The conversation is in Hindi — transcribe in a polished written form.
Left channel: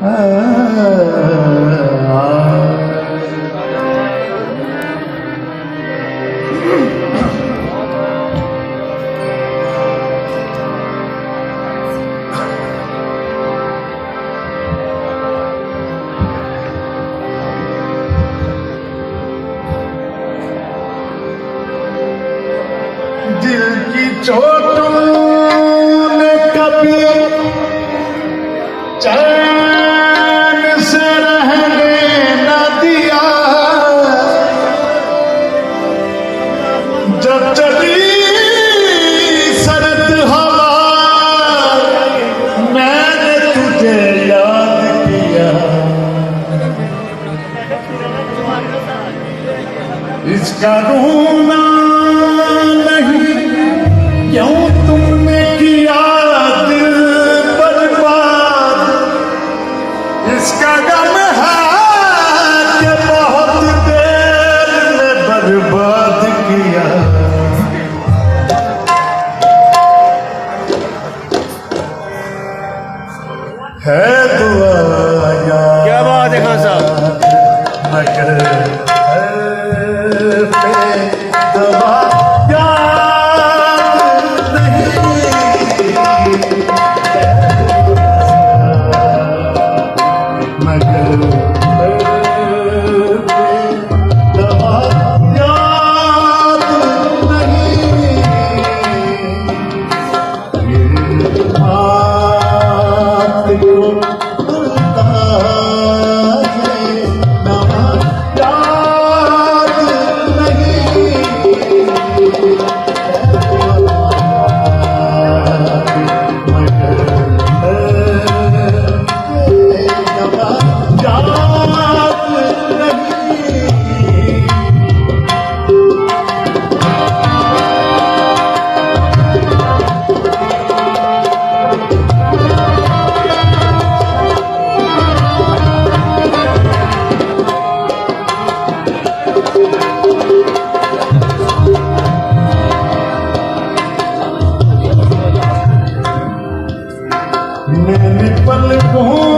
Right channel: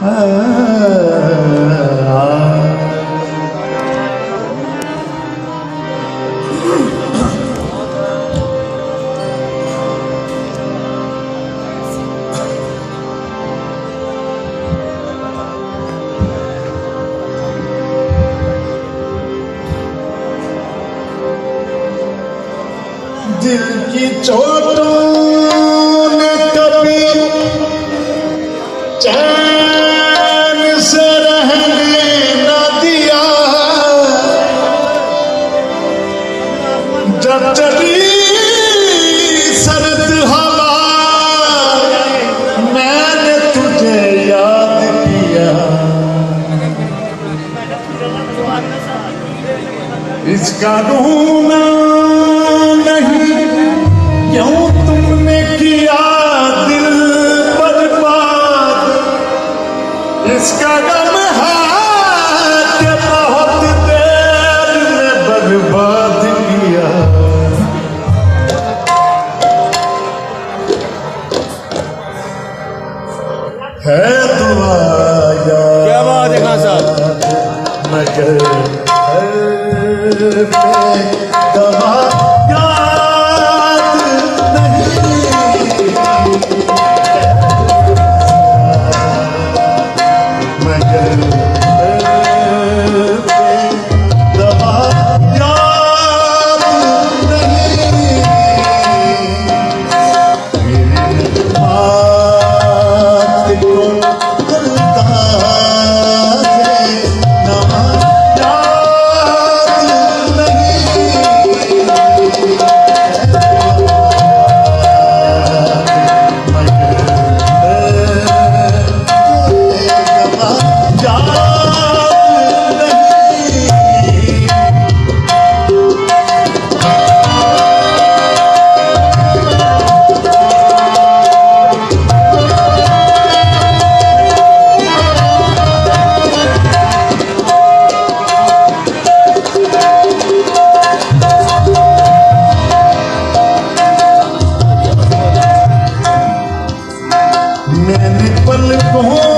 दिल की चोटों ने कभी चैन से रहने न दिया, जब चली सर्द हवा मैंने तुझे याद किया। इसका रोना क्यों तुमने किया दिल बर्बाद, इसका गम है कि बहुत देर में बर्बाद किया। है दुआ यार, क्या बात है खान साहब, मगर दवा मैंने पलकों